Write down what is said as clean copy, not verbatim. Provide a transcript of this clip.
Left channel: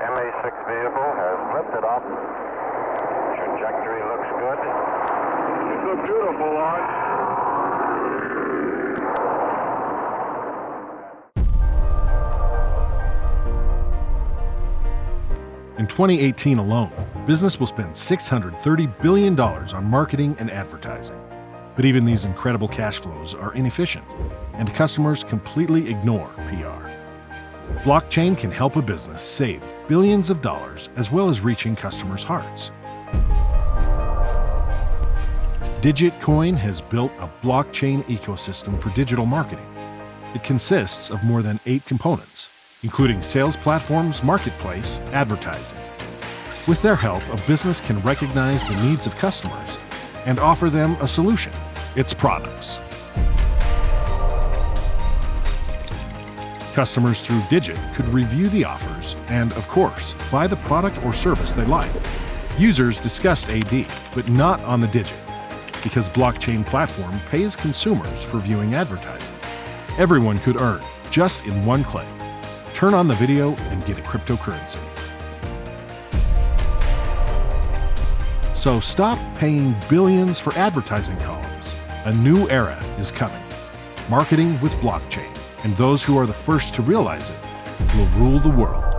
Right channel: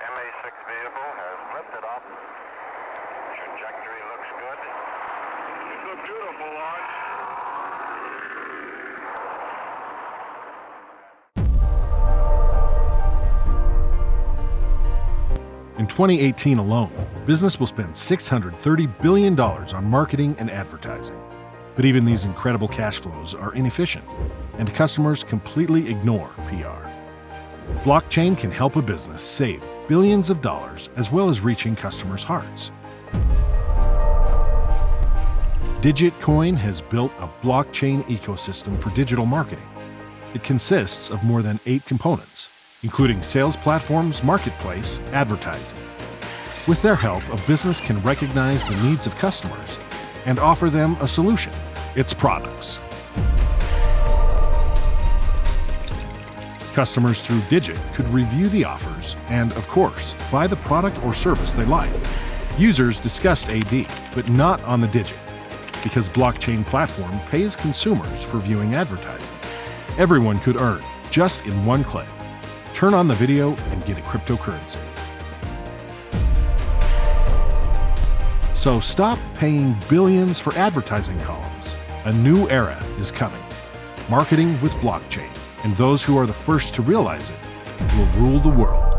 MA6 vehicle has lifted off. Trajectory looks good. It's a beautiful launch. In 2018 alone, business will spend $630 billion on marketing and advertising. But even these incredible cash flows are inefficient, and customers completely ignore PR. Blockchain can help a business save billions of dollars as well as reaching customers' hearts. DiginCoin has built a blockchain ecosystem for digital marketing. It consists of more than 8 components, including sales platforms, marketplace, advertising. With their help, a business can recognize the needs of customers and offer them a solution, its products. Customers through Digit could review the offers and, of course, buy the product or service they like. Users discussed AD, but not on the Digit, because blockchain platform pays consumers for viewing advertising. Everyone could earn, just in one click. Turn on the video and get a cryptocurrency. So stop paying billions for advertising columns. A new era is coming. Marketing with blockchain, and those who are the first to realize it will rule the world.